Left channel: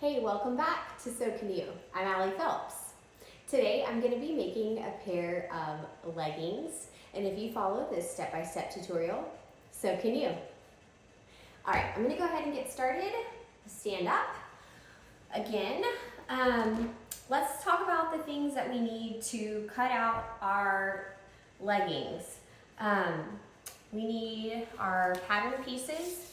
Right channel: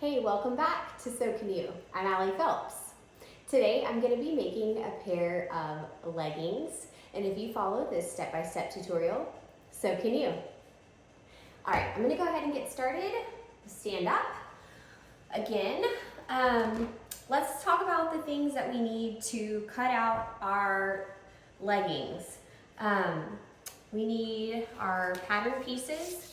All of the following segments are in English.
Hey, welcome back to So Can You. I'm Allie Phelps. Today I'm going to be making a pair of leggings, and if you follow this step-by-step tutorial, so can you. All right, I'm going to go ahead and get started. Stand up. Again, let's talk about the things that we need to cut out our leggings. We need our pattern pieces.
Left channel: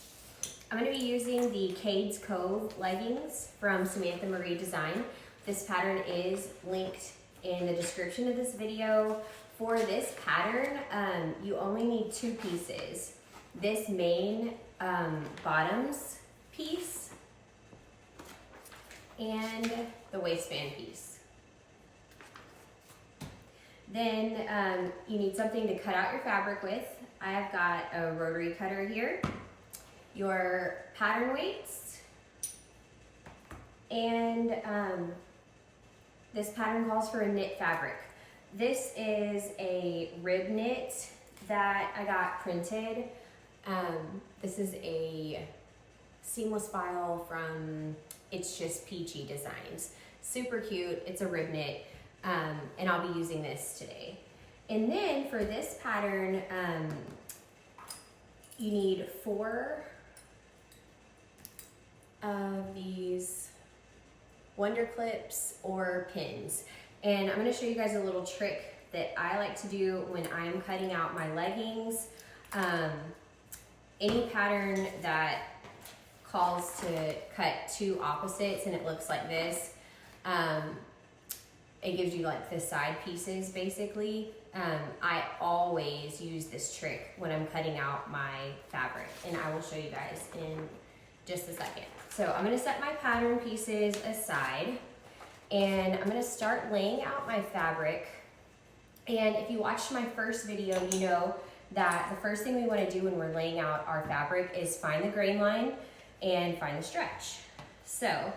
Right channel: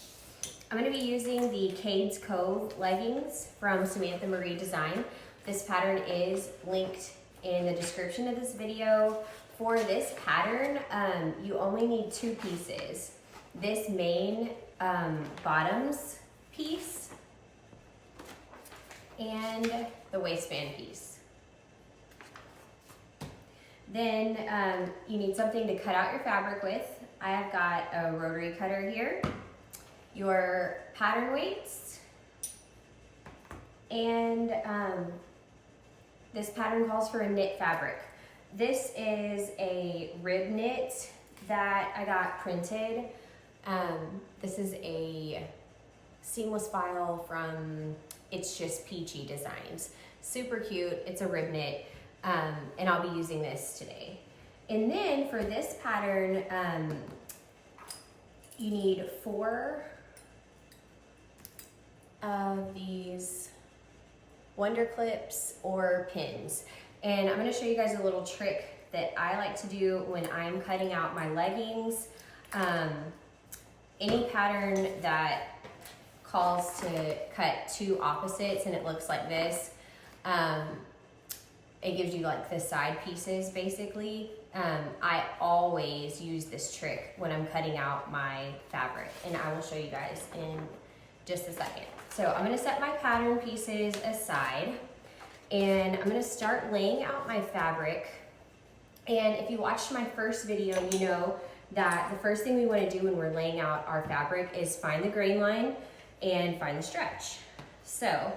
I'm going to be using the Cades Cove leggings from Samantha Marie Design. This pattern is linked in the description of this video. For this pattern, you only need two pieces. This main bottoms piece and the waistband piece. Then you need something to cut out your fabric with. I have got a rotary cutter here, your pattern weights, and this pattern calls for a knit fabric. This is a rib knit that I got printed. This is a seamless file from It's Just Peachy Designs. Super cute, it's a rib knit, and I'll be using this today. And then for this pattern, you need 4 of these Wonder Clips or pins. And I'm going to show you guys a little trick that I like to do when I'm cutting out my leggings. Any pattern that calls to cut 2 opposites and it looks like this, it gives you like the side pieces basically. I always use this trick when I'm cutting out my fabric, and I will show you guys in just a second. So I'm gonna set my pattern pieces aside, and I'm gonna start laying out my fabric. And if you watched my first video, you know that the first thing we wanna do when we're laying out our fabric is find the grain line and find the stretch. So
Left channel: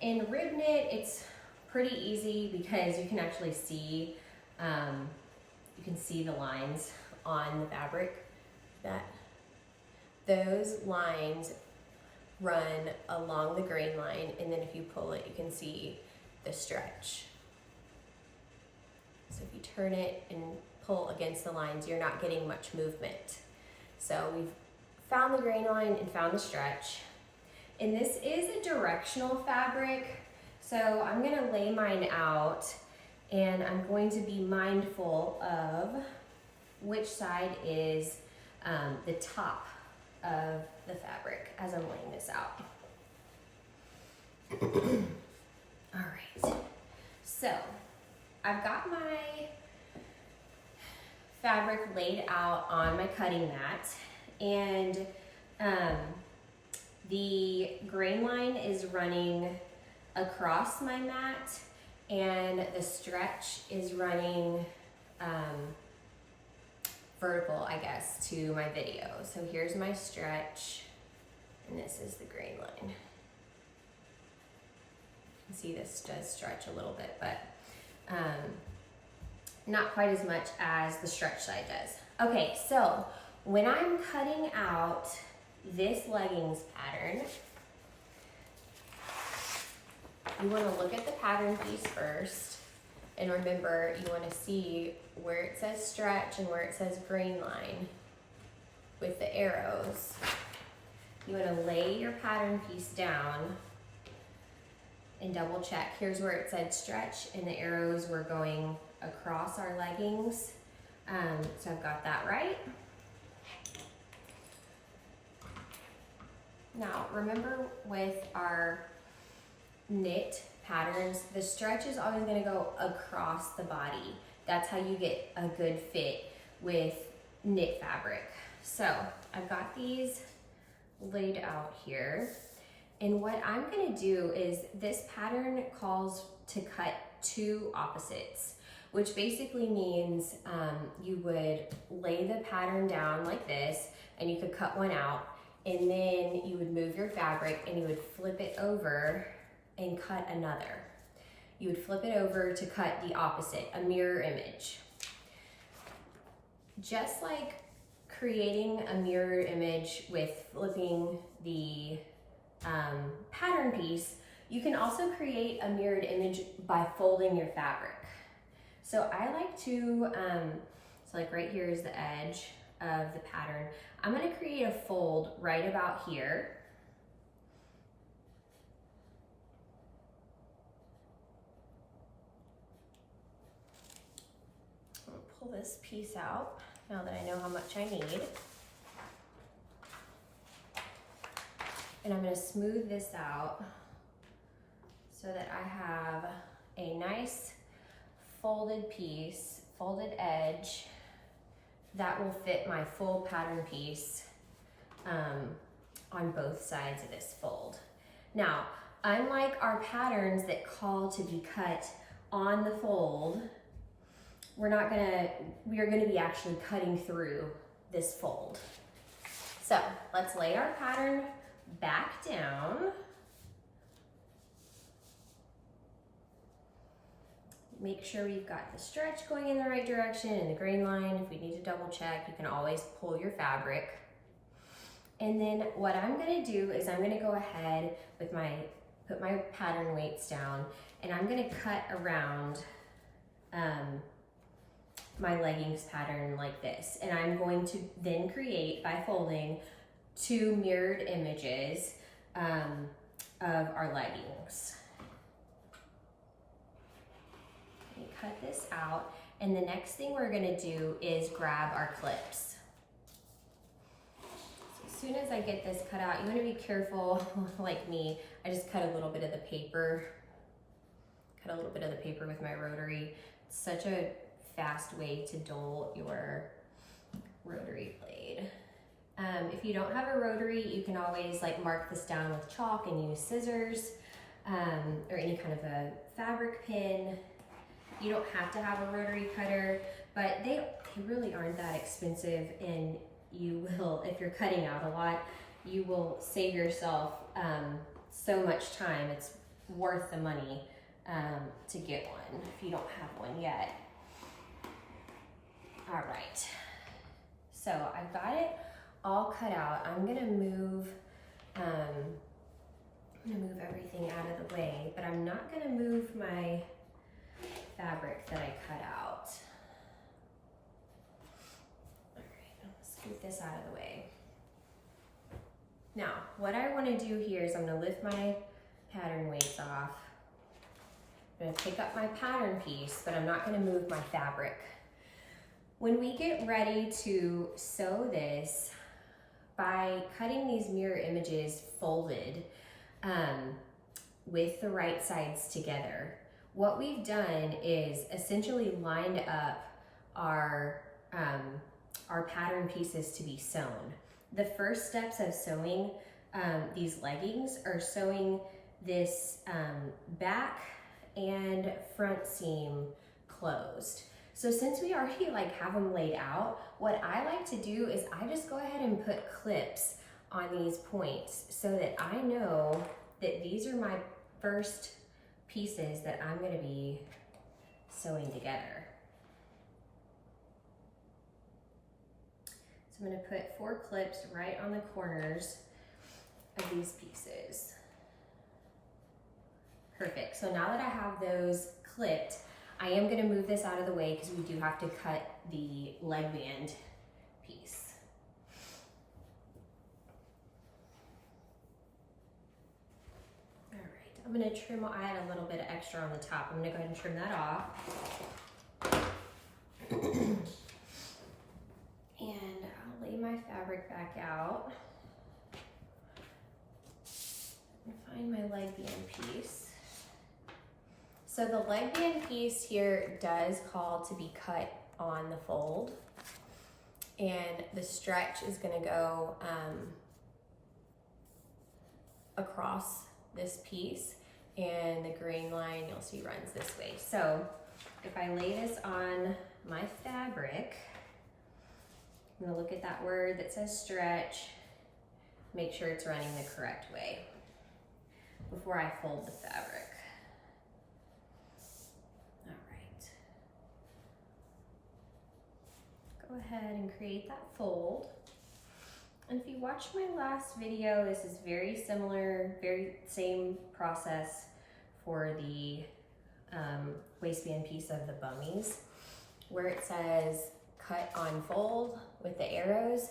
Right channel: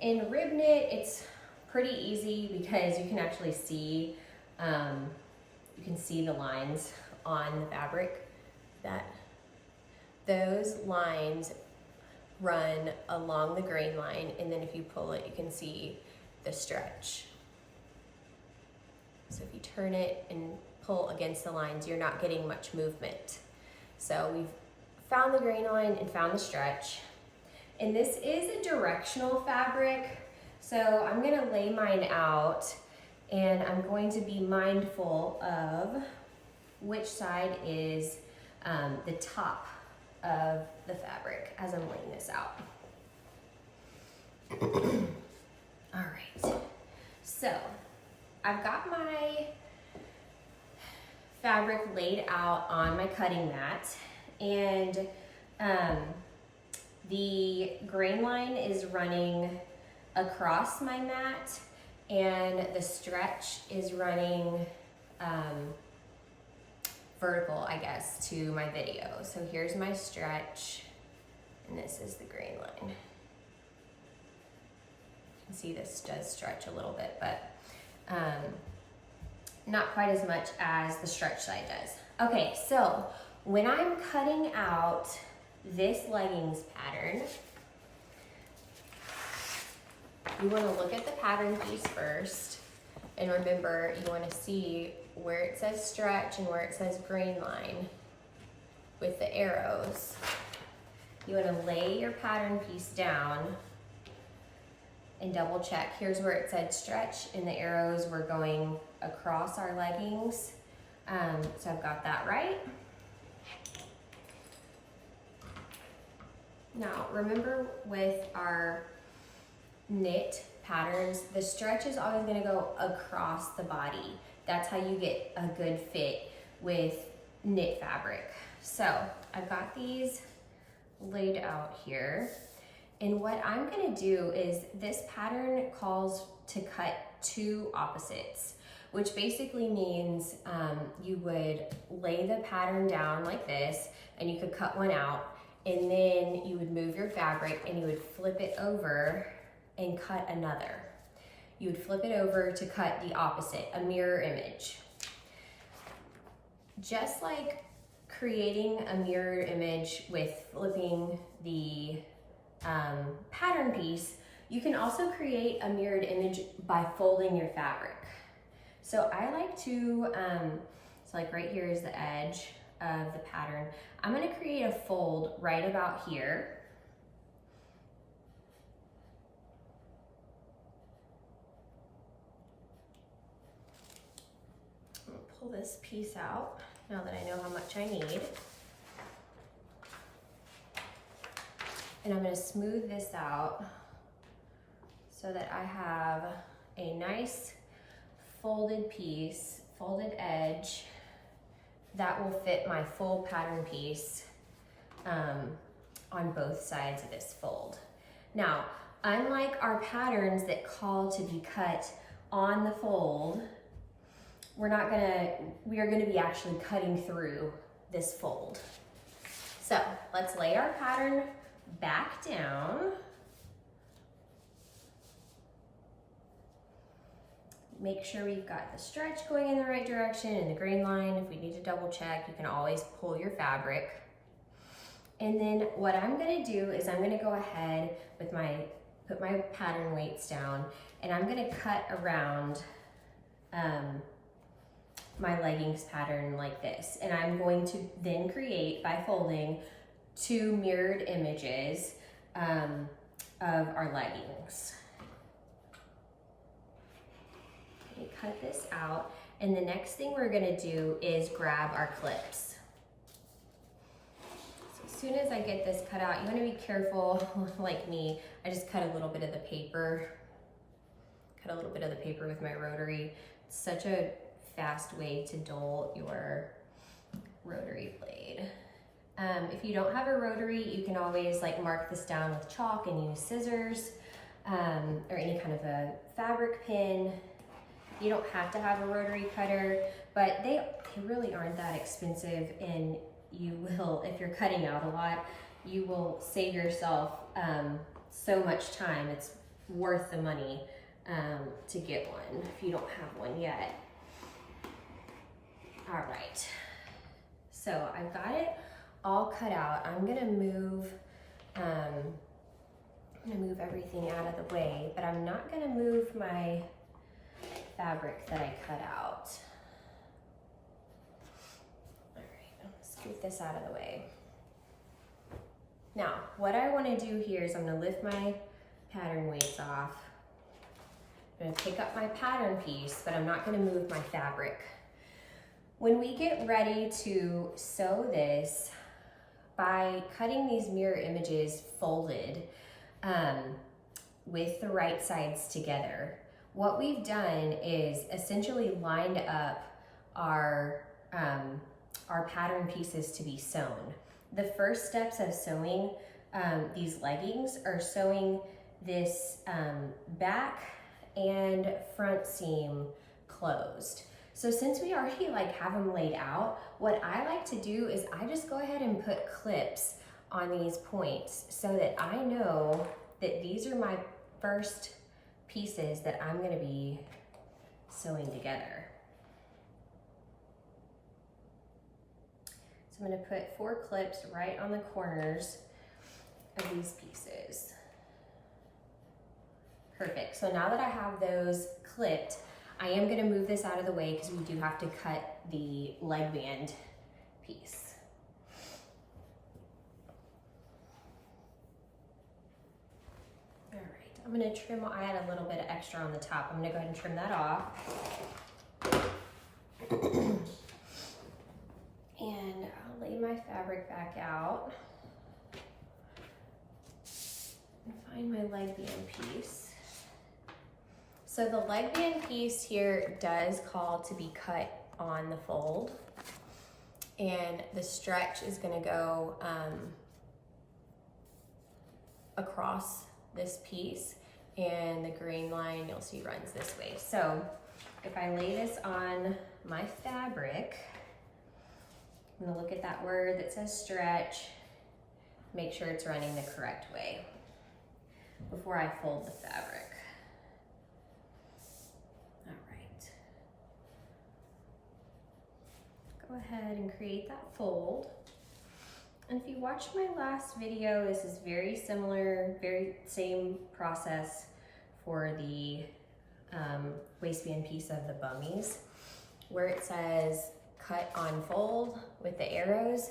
in rib knit, it's pretty easy because you can actually see, the lines on the fabric. That those lines run along the grain line, and then if you pull it, you can see the stretch. So if you turn it and pull against the lines, you're not getting much movement. So we've found the grain line and found the stretch. And this is a directional fabric, so I'm gonna lay mine out, and I'm going to be mindful of which side is the top of the fabric as I'm laying this out. All right, so I've got my fabric laid out on my cutting mat, and the grain line is running across my mat, and the stretch is running vertical, I guess, to my video. So here's my stretch, and this is the grain line. You can see this does stretch a little bit, but not quite as much as the stretch side does. Okay, so when I'm cutting out this leggings pattern, you want to look at the pattern piece first, and remember, you want to see where it says stretch and where it says grain line with the arrows. You want to lay your pattern piece down and double check. Here's where it said stretch, and the arrows were going across our leggings. So I've got that right. Now, remember with our knit patterns, the stretch is always going to go across the body. That's how you get a good fit with knit fabric. So I've got these laid out here, and what I'm going to do is, this pattern calls to cut 2 opposites, which basically means you would lay the pattern down like this, and you could cut one out, and then you would move your fabric and you would flip it over and cut another. You would flip it over to cut the opposite, a mirror image. Just like creating a mirror image with flipping the pattern piece, you can also create a mirrored image by folding your fabric. So I like to, so like right here is the edge of the pattern. I'm gonna create a fold right about here. I'm gonna pull this piece out now that I know how much I need. And I'm gonna smooth this out so that I have a nice folded piece, folded edge that will fit my full pattern piece on both sides of this fold. Now, unlike our patterns that call to be cut on the fold, we are gonna be actually cutting through this fold. So let's lay our pattern back down. Make sure we've got the stretch going in the right direction and the grain line. If we need to double check, you can always pull your fabric. And then what I'm gonna do is I'm gonna go ahead with put my pattern weights down, and I'm gonna cut around my leggings pattern like this. And I'm going to then create, by folding, 2 mirrored images of our leggings. Cut this out, and the next thing we're gonna do is grab our clips. So as soon as I get this cut out, you wanna be careful, like me, I just cut a little bit of the paper. Cut a little bit of the paper with my rotary. It's such a fast way to dull your rotary blade. If you don't have a rotary, you can always like mark this down with chalk and use scissors or any kind of a fabric pin. You don't have to have a rotary cutter, but they really aren't that expensive, and you will, if you're cutting out a lot, you will save yourself so much time. It's worth the money to get one if you don't have one yet. All right, so I've got it all cut out. I'm gonna move everything out of the way, but I'm not gonna move my fabric that I cut out. All right, I'm gonna scoot this out of the way. Now, what I wanna do here is I'm gonna lift my pattern weights off. I'm gonna pick up my pattern piece, but I'm not gonna move my fabric. When we get ready to sew this, by cutting these mirror images folded with the right sides together, what we've done is essentially lined up our pattern pieces to be sewn. The first steps of sewing these leggings are sewing this back and front seam closed. So since we already have them laid out, what I like to do is I just go ahead and put clips on these points so that I know that these are my first pieces that I'm gonna be sewing together. So I'm gonna put 4 clips right on the corners of these pieces. Perfect, so now that I have those clipped, I am gonna move this out of the way because we do have to cut the leg band piece. All right, I'm gonna trim, I had a little bit of extra on the top. I'm gonna go ahead and trim that off. And I'll lay my fabric back out and find my leg band piece. So the leg band piece here does call to be cut on the fold, and the stretch is gonna go across this piece, and the grain line you'll see runs this way. So if I lay this on my fabric, I'm gonna look at that word that says stretch, make sure it's running the correct way before I fold the fabric. Go ahead and create that fold. And if you watched my last video, this is very similar, very same process for the waistband piece of the bummies, where it says cut on fold with the arrows.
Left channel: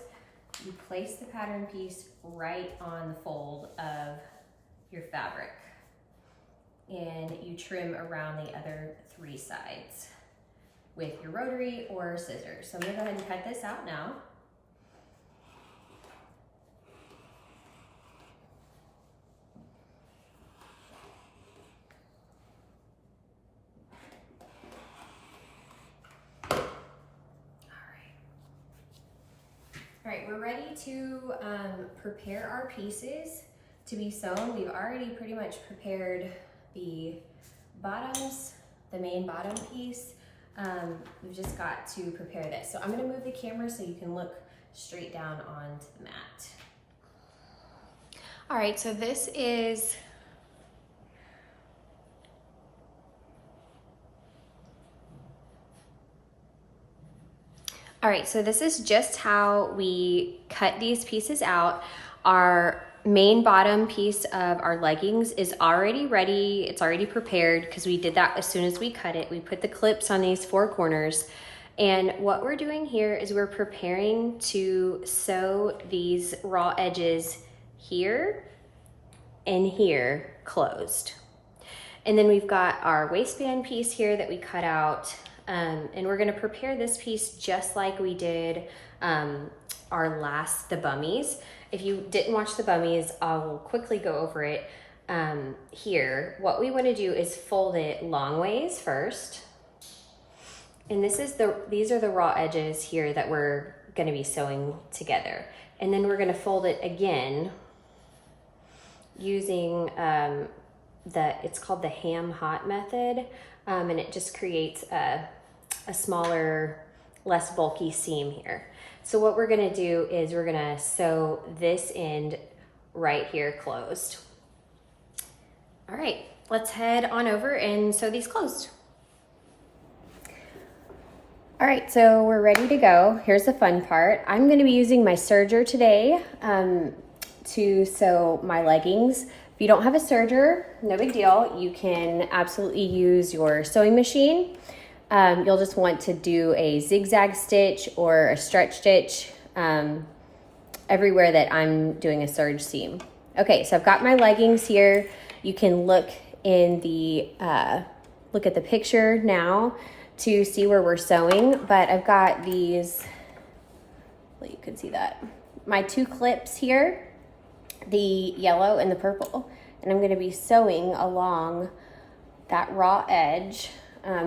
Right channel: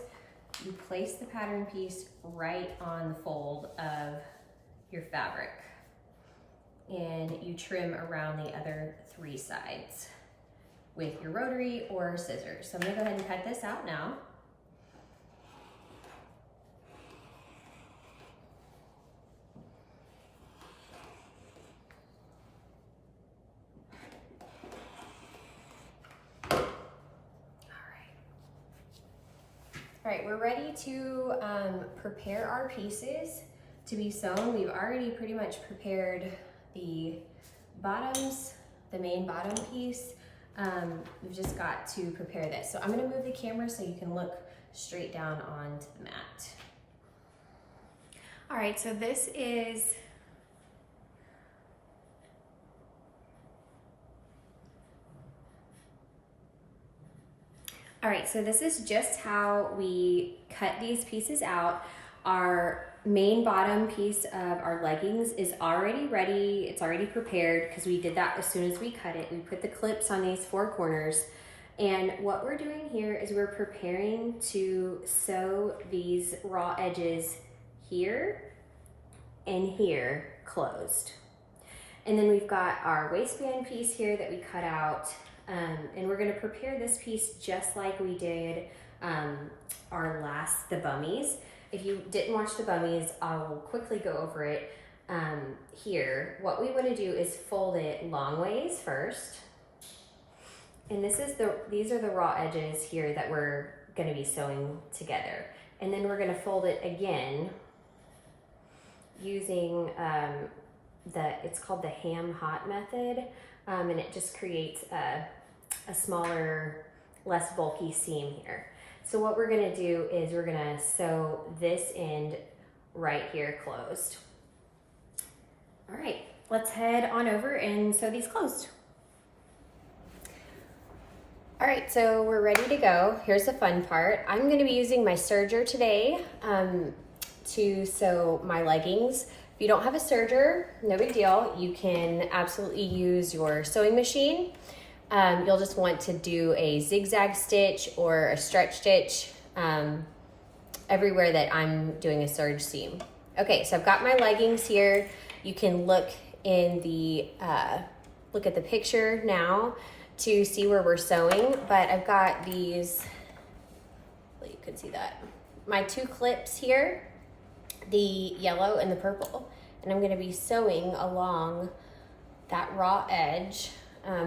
You place the pattern piece right on the fold of your fabric, and you trim around the other 3 sides with your rotary or scissors. So I'm gonna go ahead and cut this out now. All right, we're ready to prepare our pieces to be sewn. We've already pretty much prepared the bottoms, the main bottom piece. We've just got to prepare this. So I'm gonna move the camera so you can look straight down onto the mat. All right, so this is just how we cut these pieces out. Our main bottom piece of our leggings is already ready. It's already prepared because we did that as soon as we cut it. We put the clips on these 4 corners. And what we're doing here is we're preparing to sew these raw edges here and here closed. And then we've got our waistband piece here that we cut out. And we're gonna prepare this piece just like we did the bummies. If you didn't watch the bummies, I'll quickly go over it here. What we wanna do is fold it long ways first. And these are the raw edges here that we're gonna be sewing together. And then we're gonna fold it again using it's called the ham hot method. And it just creates a smaller, less bulky seam here. So what we're gonna do is we're gonna sew this end right here closed. All right, let's head on over and sew these closed. All right, so we're ready to go. Here's the fun part. I'm gonna be using my serger today to sew my leggings. If you don't have a serger, no big deal. You can absolutely use your sewing machine. You'll just want to do a zigzag stitch or a stretch stitch everywhere that I'm doing a serge seam. Okay, so I've got my leggings here. You can look in the, look at the picture now to see where we're sewing, but I've got these, well, you can see that, my 2 clips here, the yellow and the purple, and I'm gonna be sewing along that raw edge,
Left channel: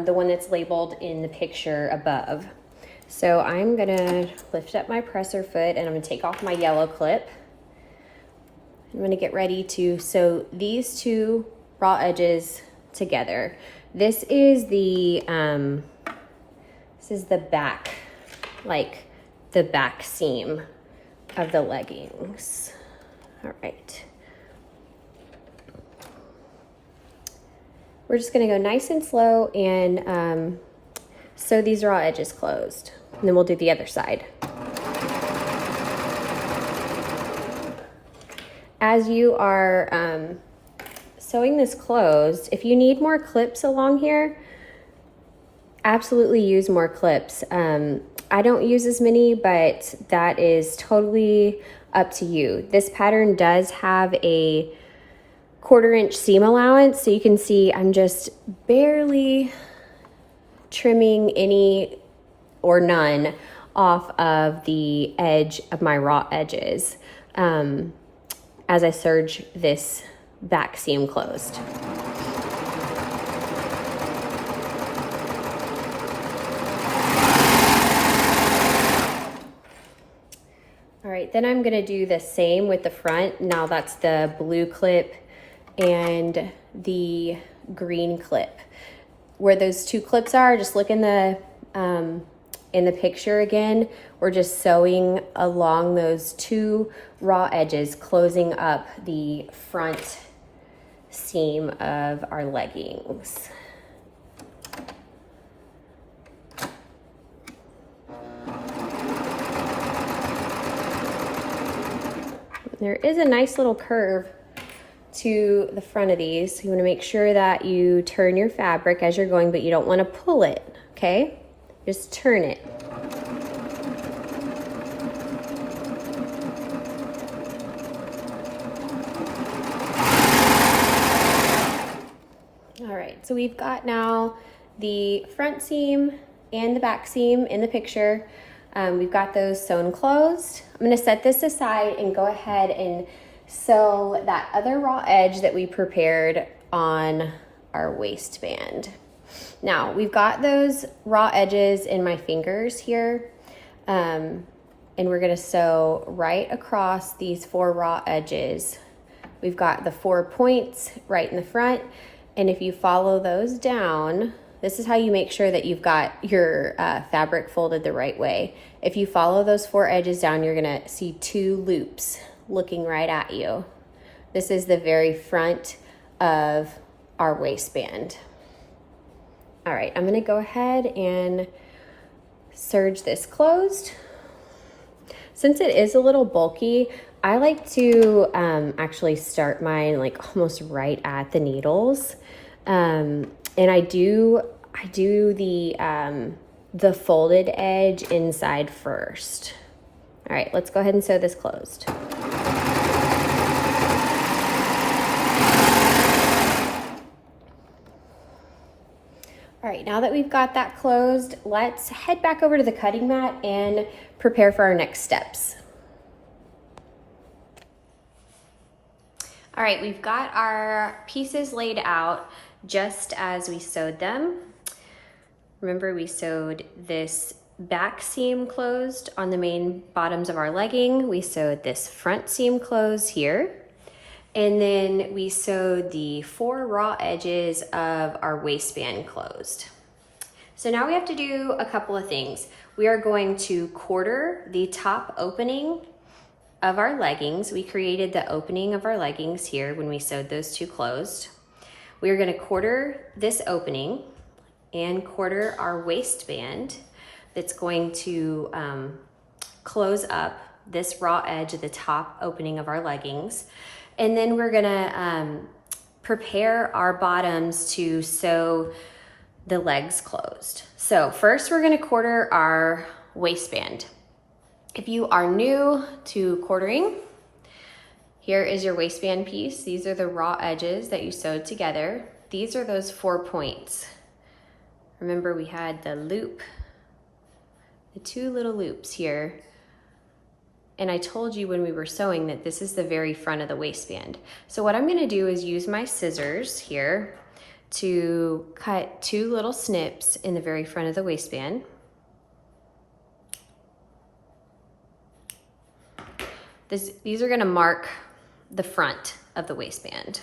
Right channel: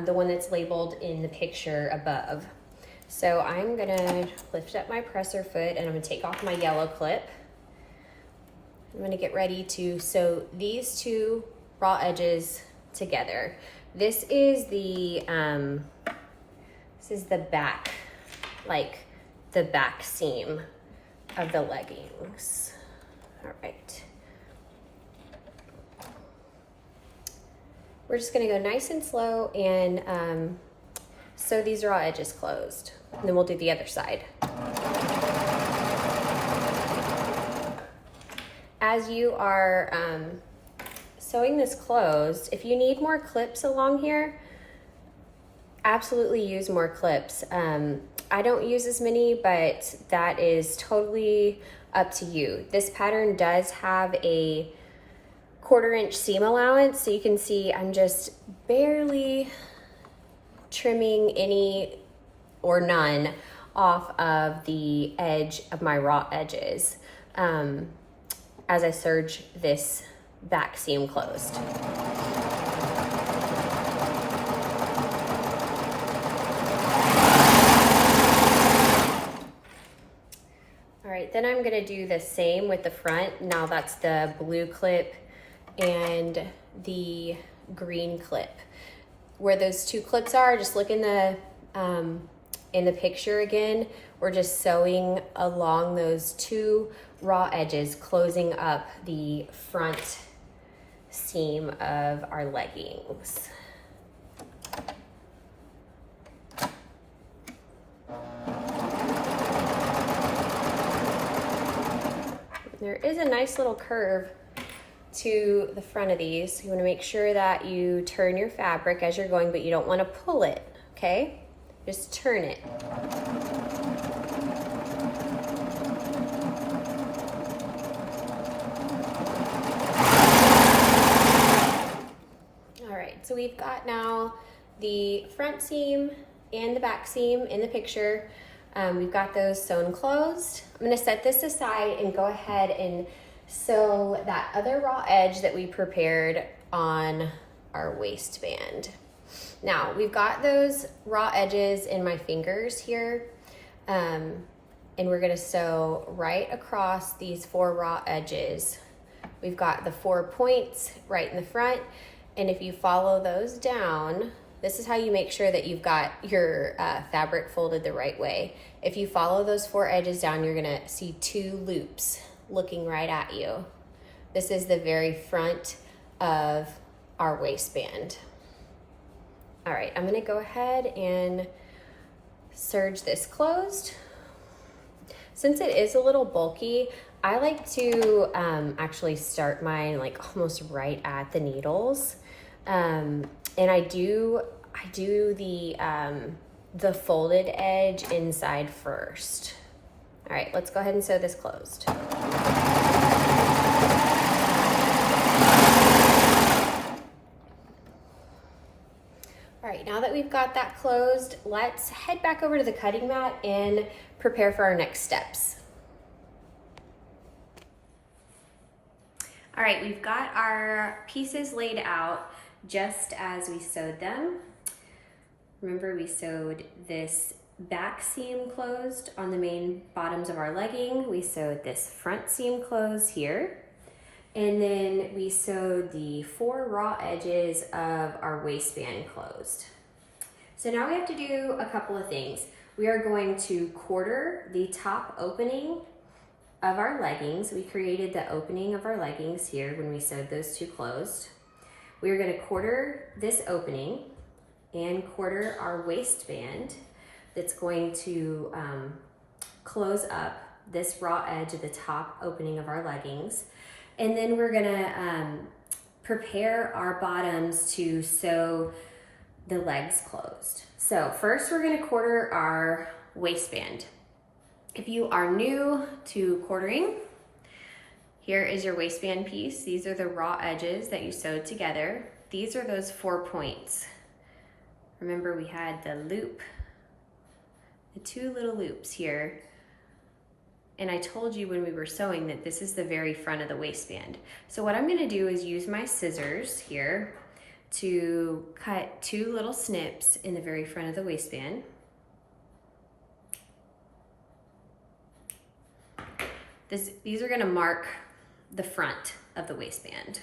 the one that's labeled in the picture above. So I'm gonna lift up my presser foot and I'm gonna take off my yellow clip. I'm gonna get ready to sew these 2 raw edges together. This is the back, like the back seam of the leggings. All right. We're just gonna go nice and slow and sew these raw edges closed. And then we'll do the other side. As you are sewing this closed, if you need more clips along here, absolutely use more clips. I don't use as many, but that is totally up to you. This pattern does have a 1/4 inch seam allowance, so you can see I'm just barely trimming any or none off of the edge of my raw edges as I serge this back seam closed. All right, then I'm gonna do the same with the front. Now that's the blue clip and the green clip. Where those 2 clips are, just look in the picture again. We're just sewing along those 2 raw edges, closing up the front seam of our leggings. There is a nice little curve to the front of these. So you want to make sure that you turn your fabric as you're going, but you don't want to pull it, okay? Just turn it. All right, so we've got now the front seam and the back seam in the picture. We've got those sewn closed. I'm gonna set this aside and go ahead and sew that other raw edge that we prepared on our waistband. Now, we've got those raw edges in my fingers here, and we're gonna sew right across these 4 raw edges. We've got the 4 points right in the front, and if you follow those down, this is how you make sure that you've got your fabric folded the right way. If you follow those 4 edges down, you're gonna see 2 loops looking right at you. This is the very front of our waistband. All right, I'm gonna go ahead and serge this closed. Since it is a little bulky, I like to actually start mine like almost right at the needles. And I do the folded edge inside first. All right, let's go ahead and sew this closed. All right, now that we've got that closed, let's head back over to the cutting mat and prepare for our next steps. All right, we've got our pieces laid out just as we sewed them. Remember, we sewed this back seam closed on the main bottoms of our legging. We sewed this front seam closed here. And then we sewed the 4 raw edges of our waistband closed. So now we have to do a couple of things. We are going to quarter the top opening of our leggings. We created the opening of our leggings here when we sewed those 2 closed. We are going to quarter this opening and quarter our waistband that's going to close up this raw edge at the top opening of our leggings. And then we're gonna prepare our bottoms to sew the legs closed. So first we're gonna quarter our waistband. If you are new to quartering, here is your waistband piece. These are the raw edges that you sewed together. These are those 4 points. Remember, we had the loop, the 2 little loops here. And I told you when we were sewing that this is the very front of the waistband. So what I'm gonna do is use my scissors here to cut 2 little snips in the very front of the waistband. These are gonna mark the front of the waistband.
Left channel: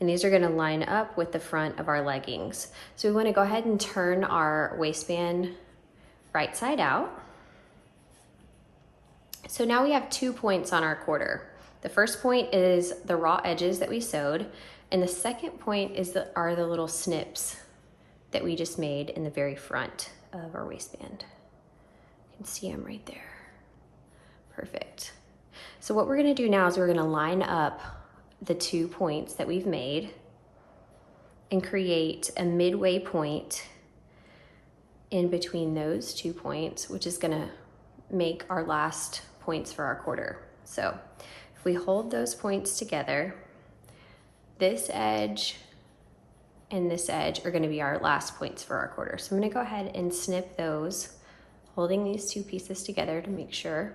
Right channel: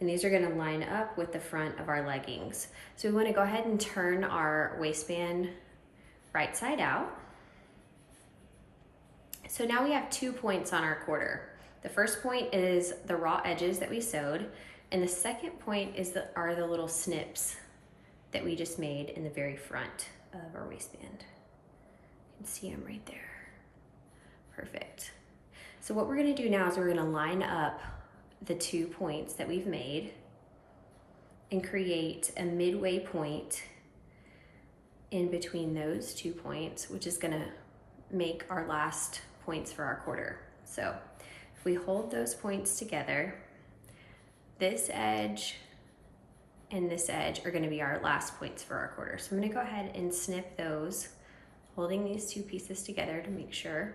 And these are gonna line up with the front of our leggings. So we wanna go ahead and turn our waistband right side out. So now we have 2 points on our quarter. The first point is the raw edges that we sewed, and the second point is are the little snips that we just made in the very front of our waistband. You can see them right there. Perfect. So what we're gonna do now is we're gonna line up the 2 points that we've made and create a midway point in between those 2 points, which is gonna make our last points for our quarter. So if we hold those points together, this edge and this edge are gonna be our last points for our quarter. So I'm gonna go ahead and snip those, holding these 2 pieces together to make sure.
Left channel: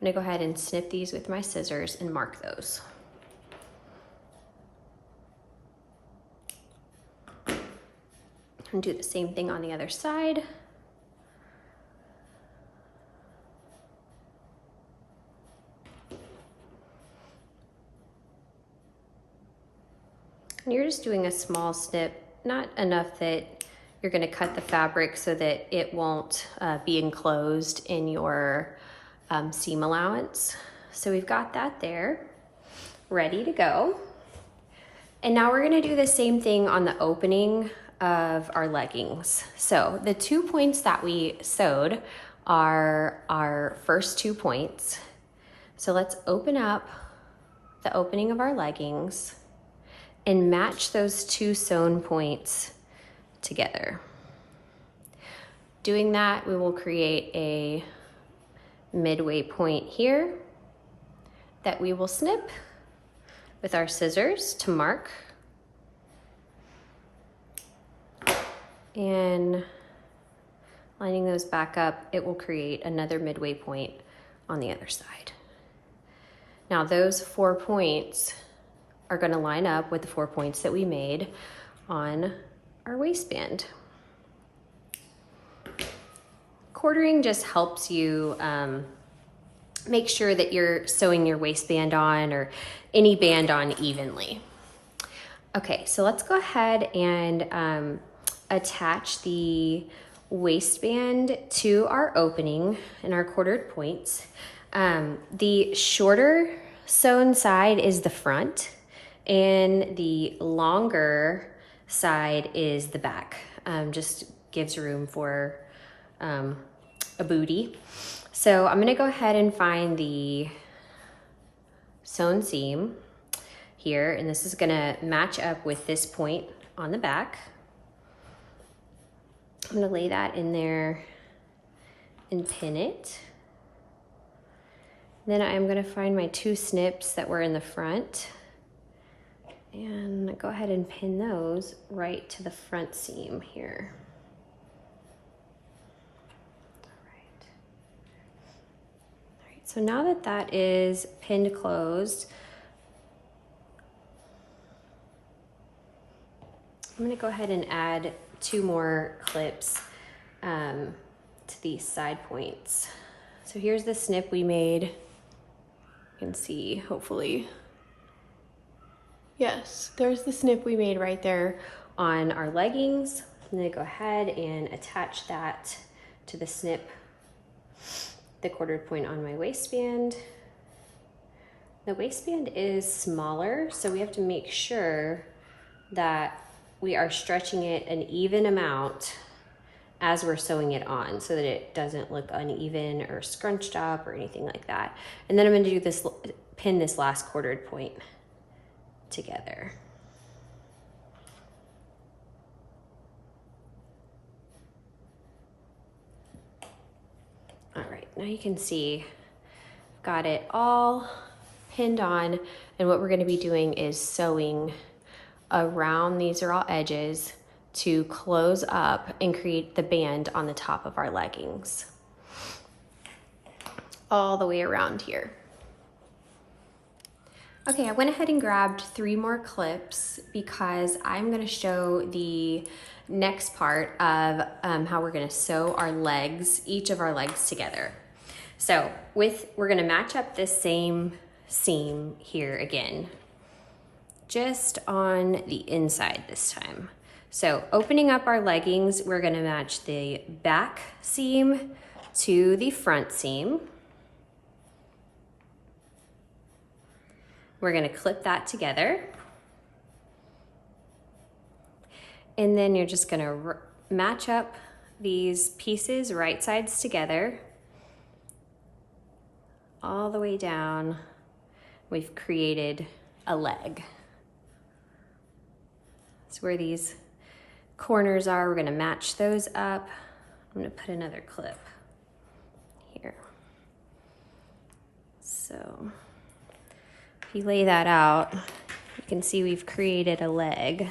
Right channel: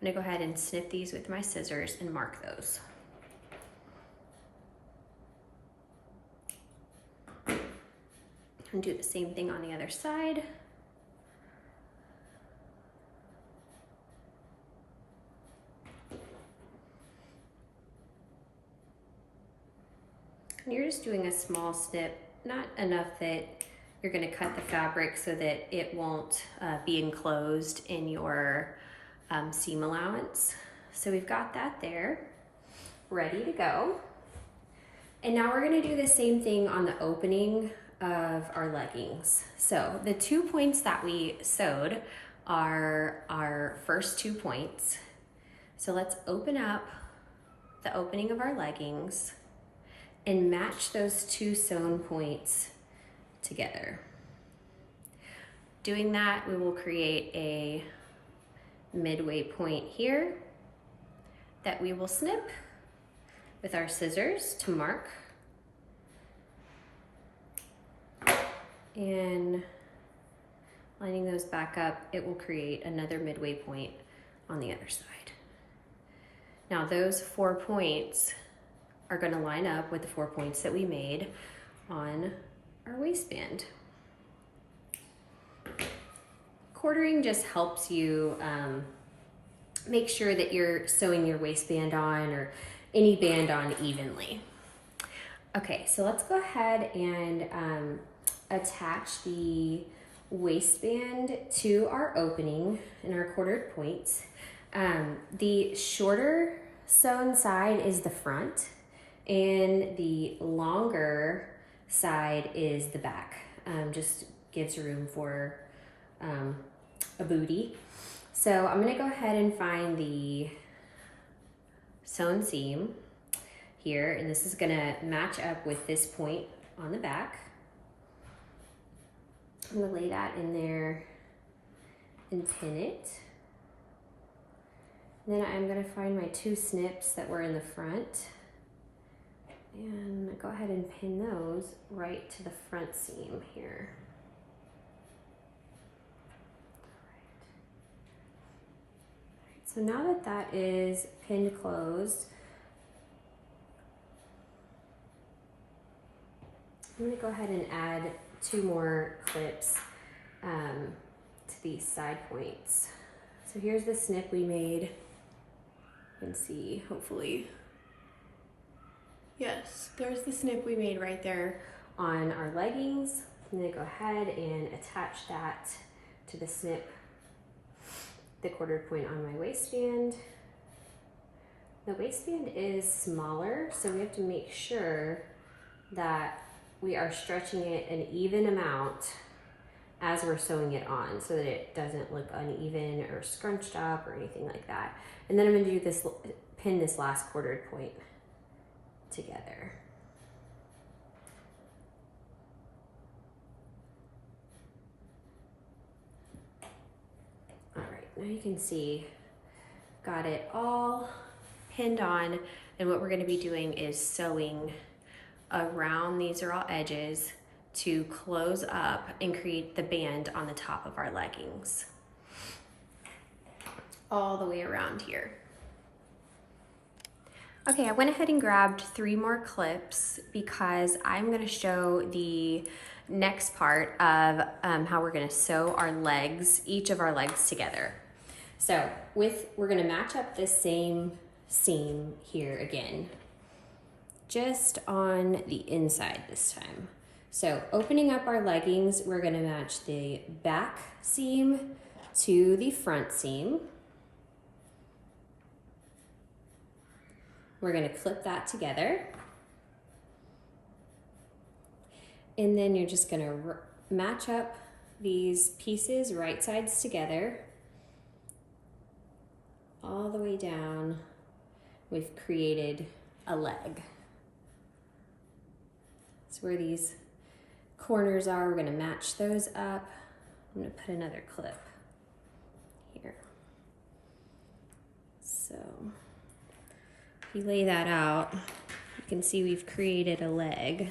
I'm gonna go ahead and snip these with my scissors and mark those. And do the same thing on the other side. And you're just doing a small snip, not enough that you're gonna cut the fabric so that it won't be enclosed in your seam allowance. So we've got that there, ready to go. And now we're gonna do the same thing on the opening of our leggings. So the 2 points that we sewed are our first 2 points. So let's open up the opening of our leggings and match those two sewn points together. Doing that, we will create a midway point here that we will snip with our scissors to mark. And lining those back up, it will create another midway point on the other side. Now those 4 points are going to line up with the 4 points that we made on our waistband. Quartering just helps you make sure that you're sewing your waistband on or any band on evenly. Okay, so let's go ahead and attach the waistband to our opening and our quartered points. The shorter sewn side is the front and the longer side is the back. Just gives room for a booty. So I'm gonna go ahead and find the sewn seam here, and this is gonna match up with this point on the back. I'm gonna lay that in there and pin it. Then I'm gonna find my 2 snips that were in the front and go ahead and pin those right to the front seam here. All right, so now that that is pinned closed, I'm gonna go ahead and add 2 more clips to these side points. So here's the snip we made. You can see, hopefully. Yes, there's the snip we made right there on our leggings. I'm gonna go ahead and attach that to the snip, the quartered point on my waistband. The waistband is smaller, so we have to make sure that we are stretching it an even amount as we're sewing it on so that it doesn't look uneven or scrunched up or anything like that. And then I'm gonna do this, pin this last quartered point together. All right, now you can see, got it all pinned on, and what we're gonna be doing is sewing around these raw edges to close up and create the band on the top of our leggings. All the way around here. Okay, I went ahead and grabbed 3 more clips because I'm gonna show the next part of how we're gonna sew our legs, each of our legs together. So we're gonna match up this same seam here again, just on the inside this time. So opening up our leggings, we're gonna match the back seam to the front seam. We're gonna clip that together. And then you're just gonna match up these pieces, right sides together, all the way down. We've created a leg. So where these corners are, we're gonna match those up. I'm gonna put another clip here. So if you lay that out, you can see we've created a leg.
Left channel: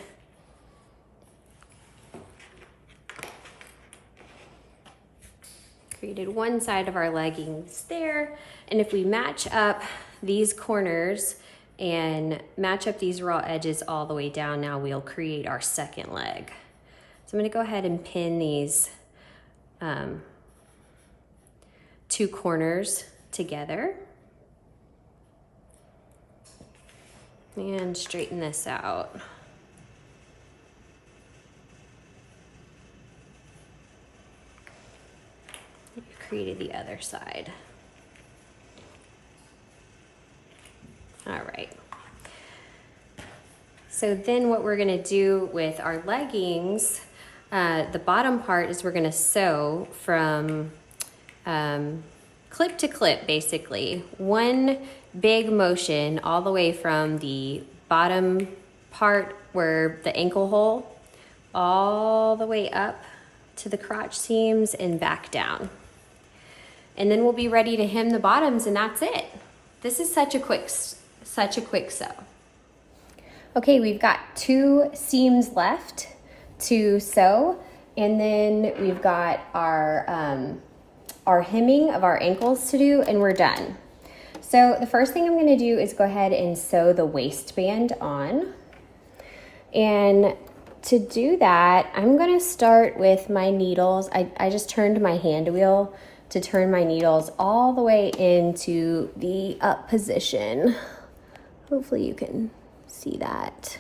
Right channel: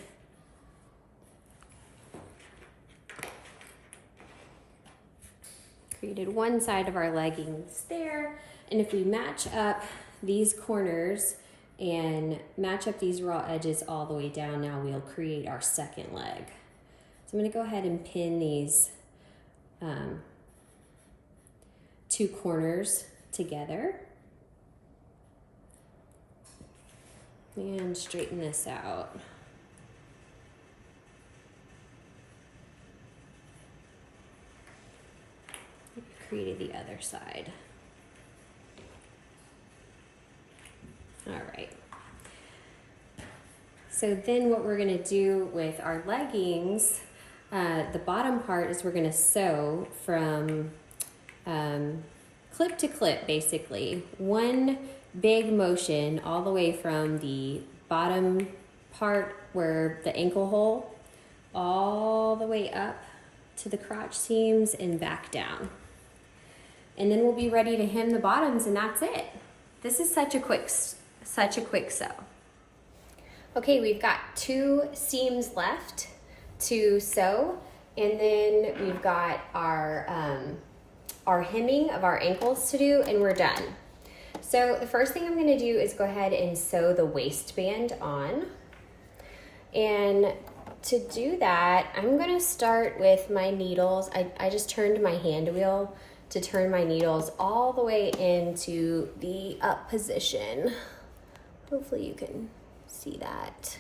Created one side of our leggings there, and if we match up these corners and match up these raw edges all the way down, now we'll create our second leg. So I'm gonna go ahead and pin these 2 corners together and straighten this out. We've created the other side. All right. So then what we're gonna do with our leggings, the bottom part is we're gonna sew from clip to clip, basically. One big motion all the way from the bottom part where the ankle hole all the way up to the crotch seams and back down. And then we'll be ready to hem the bottoms, and that's it. This is such a quick sew. Okay, we've got 2 seams left to sew, and then we've got our hemming of our ankles to do, and we're done. So the first thing I'm gonna do is go ahead and sew the waistband on. And to do that, I'm gonna start with my needles. I just turned my hand wheel to turn my needles all the way into the up position. Hopefully you can see that.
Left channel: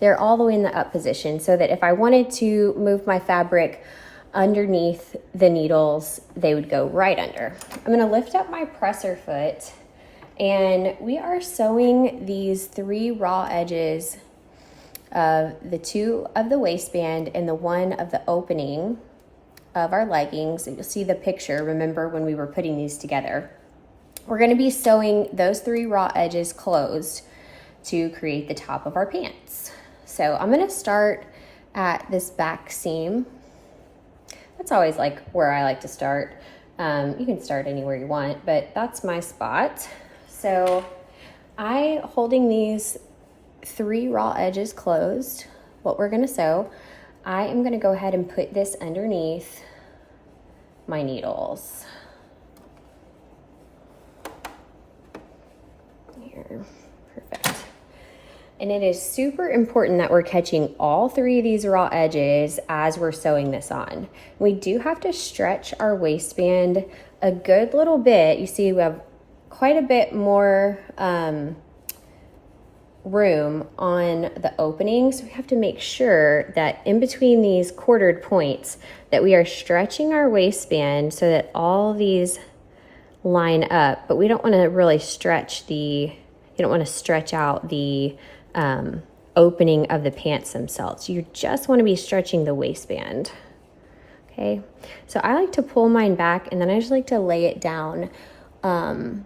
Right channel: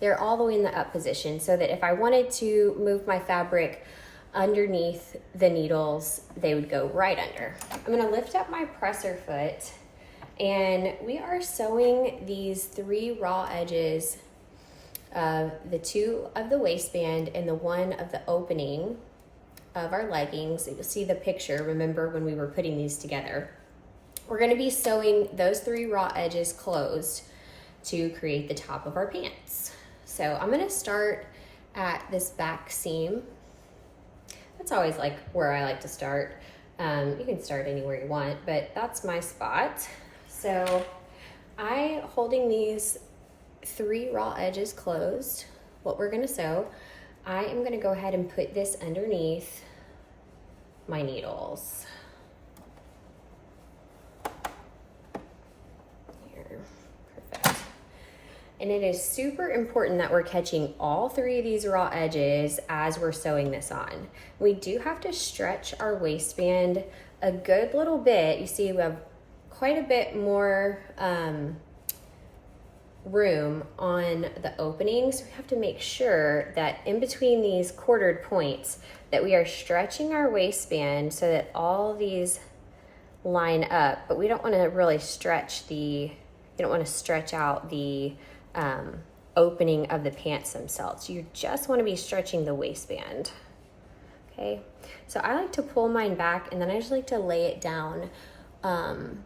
They're all the way in the up position, so that if I wanted to move my fabric underneath the needles, they would go right under. I'm gonna lift up my presser foot, and we are sewing these 3 raw edges of the 2 of the waistband and the 1 of the opening of our leggings. You'll see the picture, remember when we were putting these together. We're gonna be sewing those 3 raw edges closed to create the top of our pants. So I'm gonna start at this back seam. That's always like where I like to start. You can start anywhere you want, but that's my spot. So holding these 3 raw edges closed, what we're gonna sew, I am gonna go ahead and put this underneath my needles. Perfect. And it is super important that we're catching all 3 of these raw edges as we're sewing this on. We do have to stretch our waistband a good little bit. You see we have quite a bit more room on the opening, so we have to make sure that in between these quartered points that we are stretching our waistband so that all these line up, but we don't want to really stretch you don't want to stretch out the opening of the pants themselves. You just want to be stretching the waistband. Okay, so I like to pull mine back, and then I just like to lay it down on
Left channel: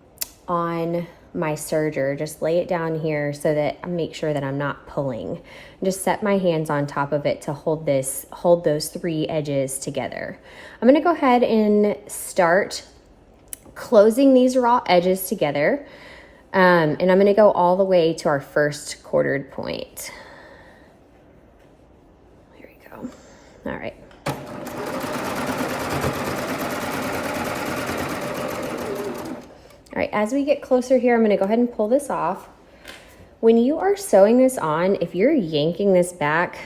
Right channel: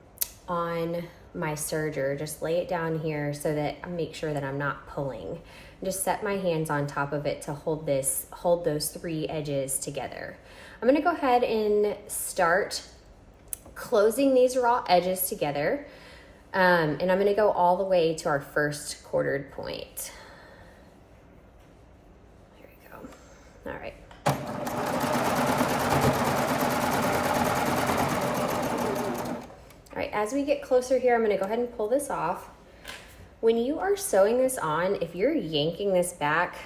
my serger. Just lay it down here so that I make sure that I'm not pulling. Just set my hands on top of it to hold those 3 edges together. I'm gonna go ahead and start closing these raw edges together. And I'm gonna go all the way to our first quartered point. Here we go. All right. All right, as we get closer here, I'm gonna go ahead and pull this off. When you are sewing this on, if you're yanking this back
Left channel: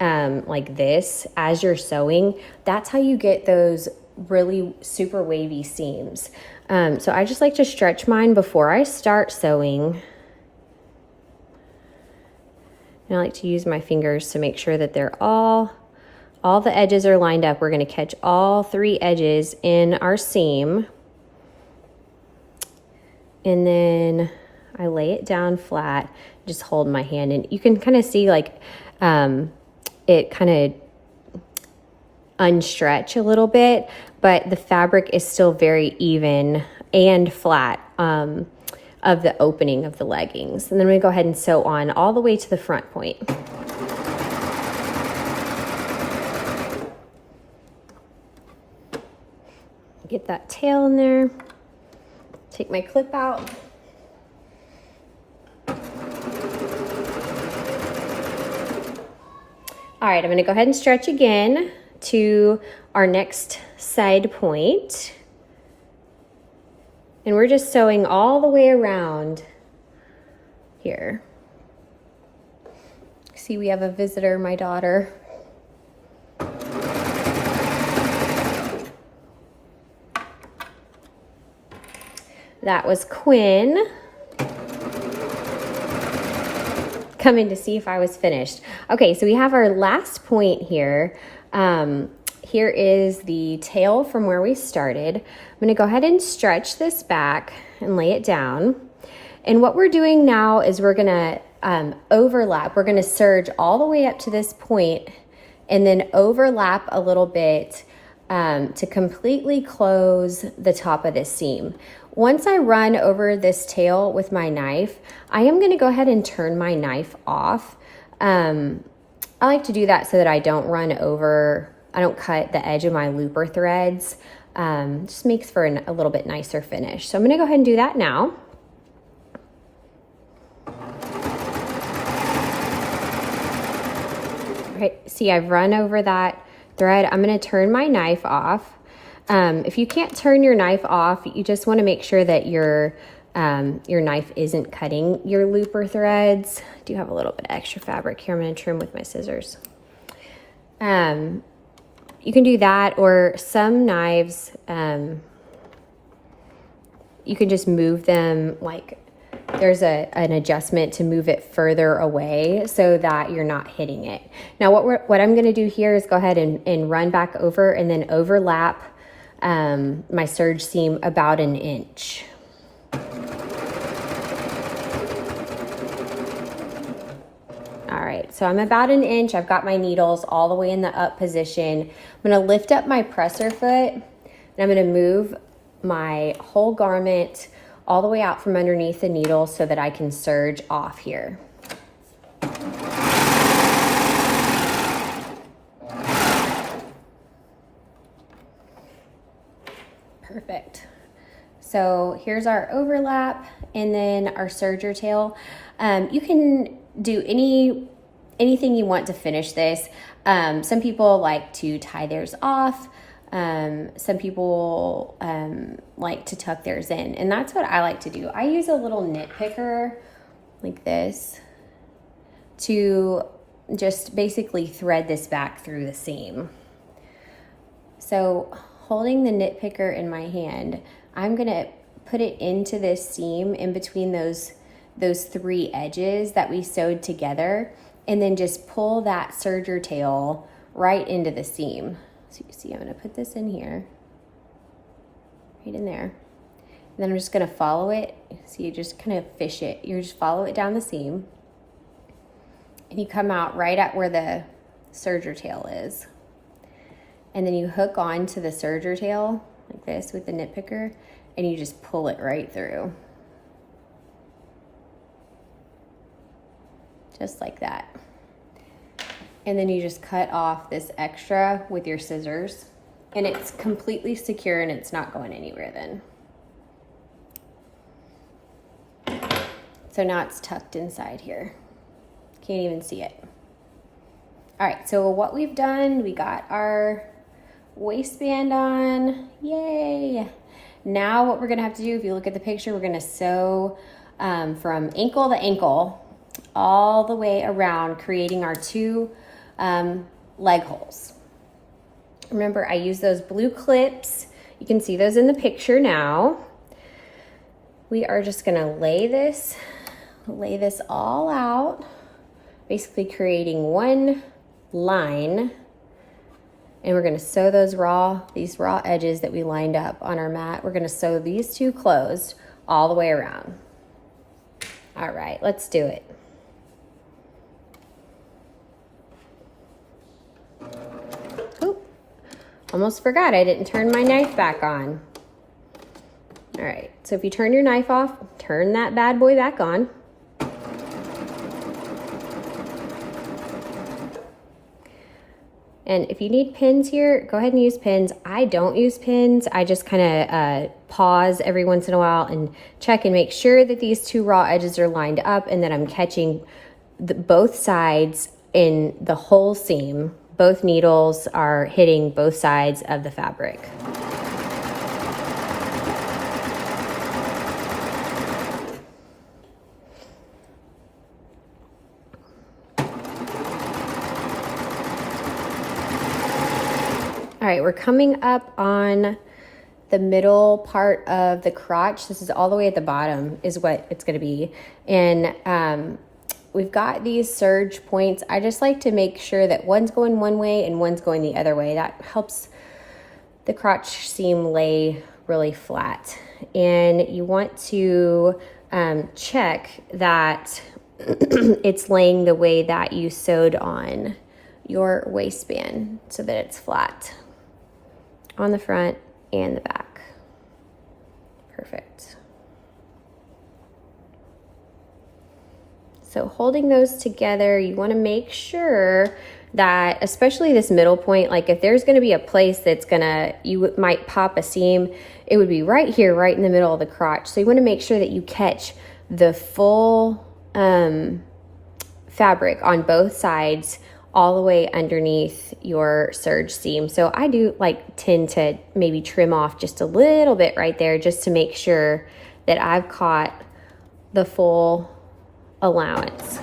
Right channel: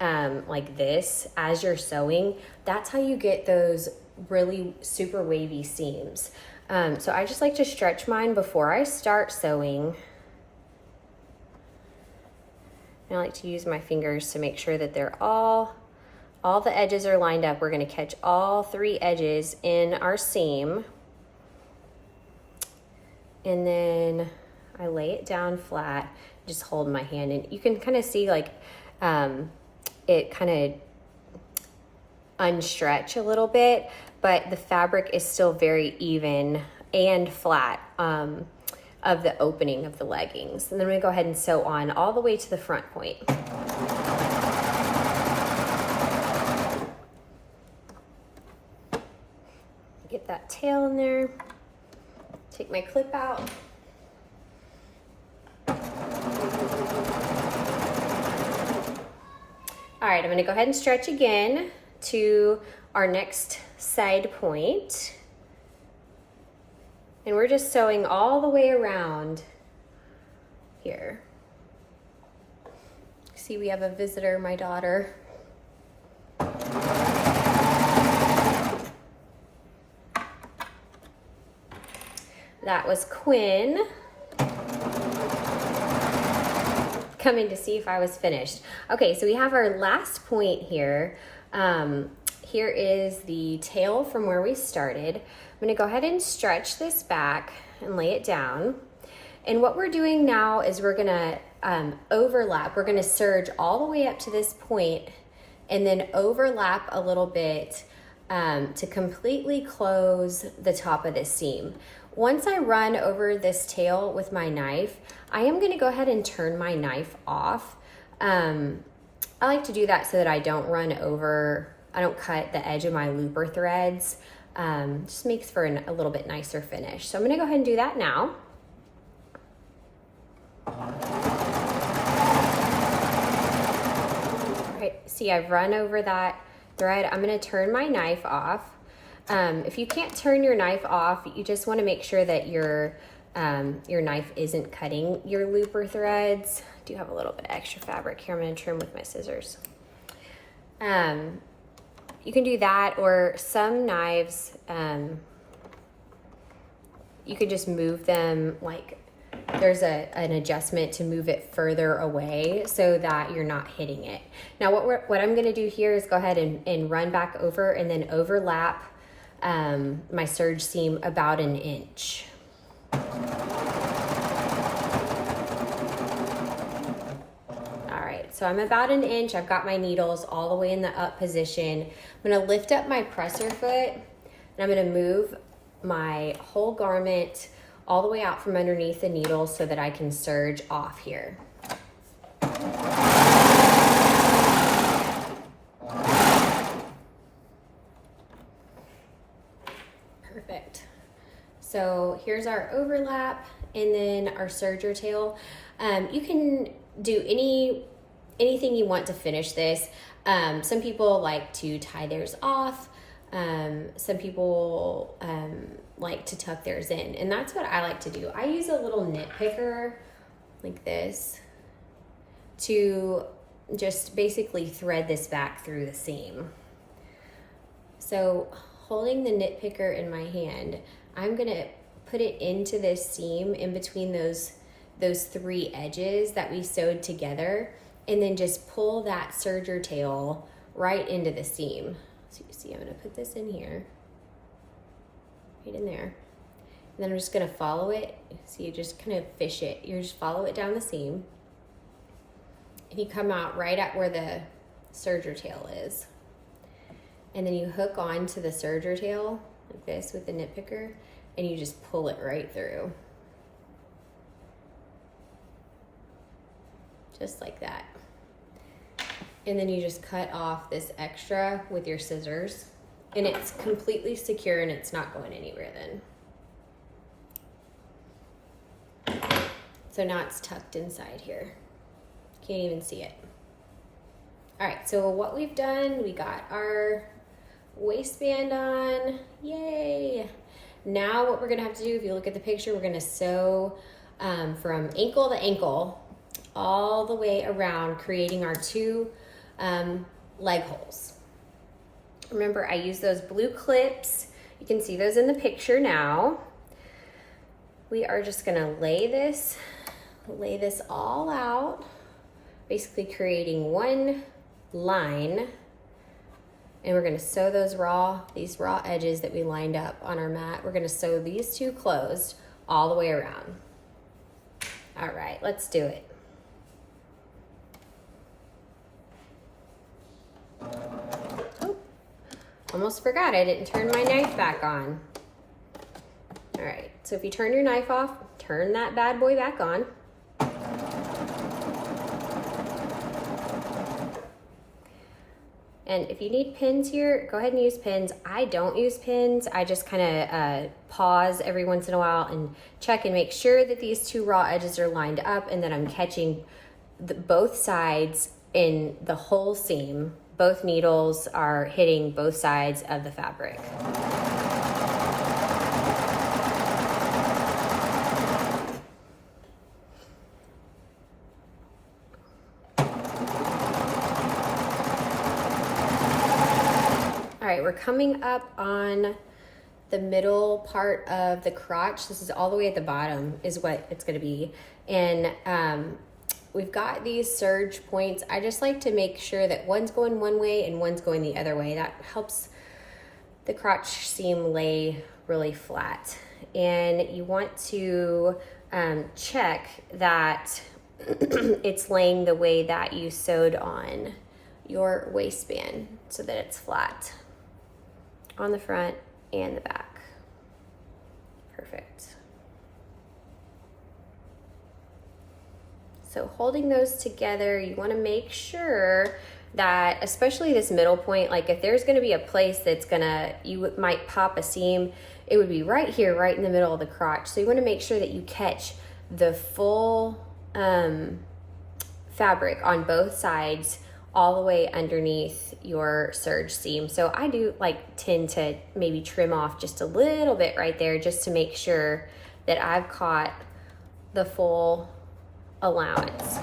like this as you're sewing, that's how you get those really super wavy seams. So I just like to stretch mine before I start sewing. And I like to use my fingers to make sure that they're all the edges are lined up. We're gonna catch all 3 edges in our seam. And then I lay it down flat, just hold my hand, and you can kind of see like it kind of unstretch a little bit, but the fabric is still very even and flat of the opening of the leggings. And then we go ahead and sew on all the way to the front point. Get that tail in there. Take my clip out. All right, I'm gonna go ahead and stretch again to our next side point. And we're just sewing all the way around here. See, we have a visitor, my daughter. That was Quinn coming to see if I was finished. Okay, so we have our last point here. Here is the tail from where we started. I'm gonna go ahead and stretch this back and lay it down. And what we're doing now is we're gonna overlap. We're gonna serge all the way up to this point and then overlap a little bit to completely close the top of this seam. Once I run over this tail with my knife, I am gonna go ahead and turn my knife off. I like to do that so that I don't cut the edge of my looper threads. Just makes for a little bit nicer finish. So I'm gonna go ahead and do that now. Okay, see, I've run over that thread. I'm gonna turn my knife off. If you can't turn your knife off, you just wanna make sure that your knife isn't cutting your looper threads. I do have a little bit of extra fabric here. I'm gonna trim with my scissors. You can do that, or some knives, you can just move them, like there's an adjustment to move it further away so that you're not hitting it. Now what I'm gonna do here is go ahead and run back over and then overlap my serge seam about 1 inch. All right, so I'm about 1 inch. I've got my needles all the way in the up position. I'm gonna lift up my presser foot and I'm gonna move my whole garment all the way out from underneath the needle so that I can serge off here. Perfect. So here's our overlap and then our serger tail. You can do anything you want to finish this. Some people like to tie theirs off. Some people like to tuck theirs in, and that's what I like to do. I use a little knit picker like this to just basically thread this back through the seam. So holding the knit picker in my hand, I'm gonna put it into this seam in between those 3 edges that we sewed together, and then just pull that serger tail right into the seam. So you see, I'm gonna put this in here, right in there. And then I'm just gonna follow it. So you just kind of fish it. You just follow it down the seam, and you come out right at where the serger tail is. And then you hook on to the serger tail like this with the knit picker, and you just pull it right through. Just like that. And then you just cut off this extra with your scissors, and it's completely secure and it's not going anywhere then. So now it's tucked inside here. Can't even see it. All right, so what we've done, we got our waistband on, yay. Now what we're gonna have to do, if you look at the picture, we're gonna sew from ankle to ankle all the way around, creating our 2 leg holes. Remember, I use those blue clips. You can see those in the picture now. We are just gonna lay this all out, basically creating one line, and we're gonna sew these raw edges that we lined up on our mat. We're gonna sew these 2 closed all the way around. All right, let's do it. Almost forgot, I didn't turn my knife back on. All right, so if you turn your knife off, turn that bad boy back on. And if you need pins here, go ahead and use pins. I don't use pins. I just kind of pause every once in a while and check and make sure that these 2 raw edges are lined up and that I'm catching both sides in the whole seam. Both needles are hitting both sides of the fabric. All right, we're coming up on the middle part of the crotch. This is all the way at the bottom is what it's gonna be. And we've got these serge points. I just like to make sure that one's going one way and one's going the other way. That helps the crotch seam lay really flat. And you want to check that it's laying the way that you sewed on your waistband so that it's flat. on the front and the back. Perfect. So holding those together, you want to make sure that, especially this middle point, like if there's going to be a place that's you might pop a seam, it would be right here, right in the middle of the crotch. So you want to make sure that you catch the full fabric on both sides all the way underneath your serge seam. So I do tend to maybe trim off just a little bit right there just to make sure that I've caught the full allowance.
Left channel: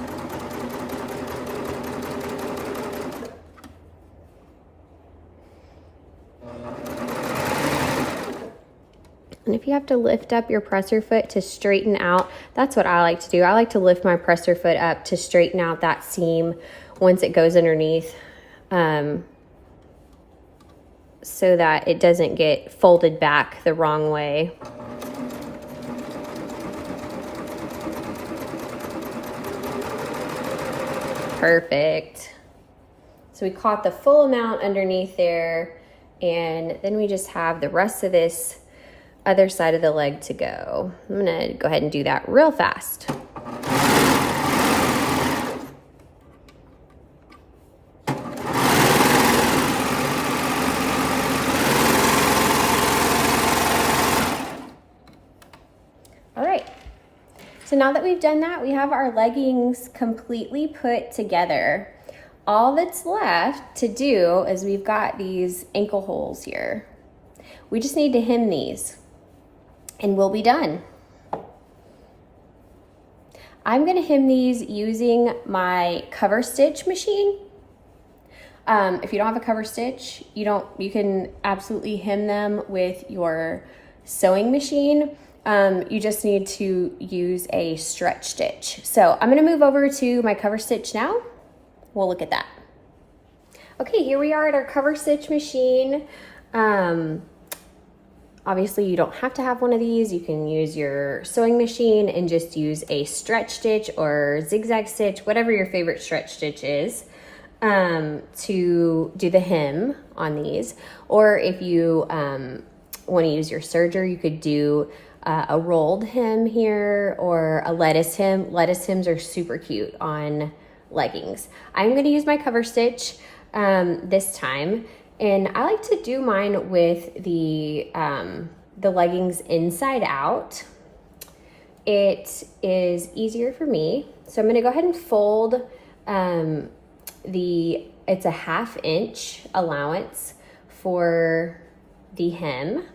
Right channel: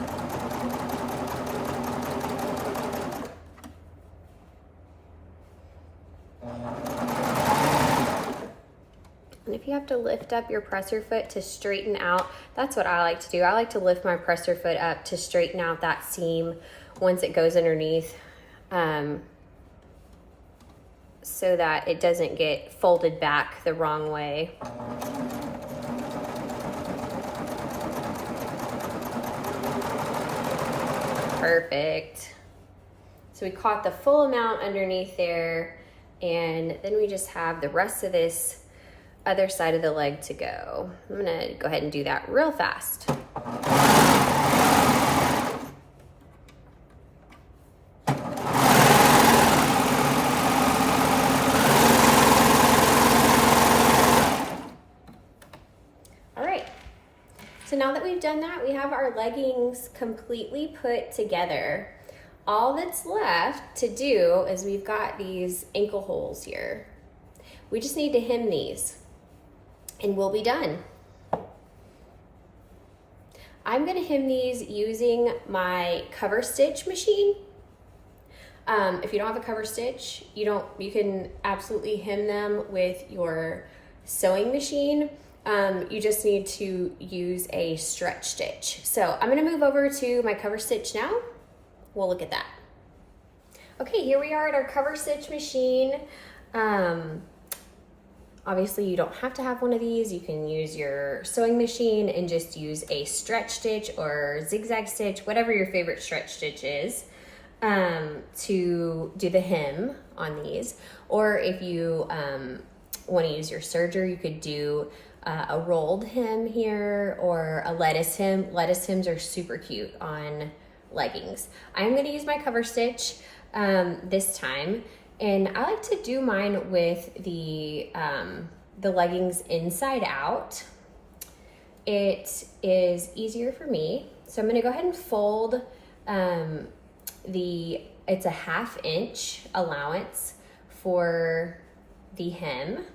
And if you have to lift up your presser foot to straighten out, that's what I like to do. I like to lift my presser foot up to straighten out that seam once it goes underneath, so that it doesn't get folded back the wrong way. Perfect. So we caught the full amount underneath there, and then we just have the rest of this other side of the leg to go. I'm gonna go ahead and do that real fast. All right, so now that we've done that, we have our leggings completely put together. All that's left to do is we've got these ankle holes here. We just need to hem these and we'll be done. I'm gonna hem these using my cover stitch machine. If you don't have a cover stitch, you can absolutely hem them with your sewing machine. You just need to use a stretch stitch. So I'm gonna move over to my cover stitch now. We'll look at that. Okay, here we are at our cover stitch machine. Obviously you don't have to have one of these. You can use your sewing machine and just use a stretch stitch or zigzag stitch, whatever your favorite stretch stitch is, to do the hem on these. Or if you want to use your serger, you could do a rolled hem here or a lettuce hem. Lettuce hems are super cute on leggings. I'm going to use my cover stitch this time, and I like to do mine with the leggings inside out. It is easier for me, so I'm going to go ahead and fold it's a 1/2 inch allowance for the hem.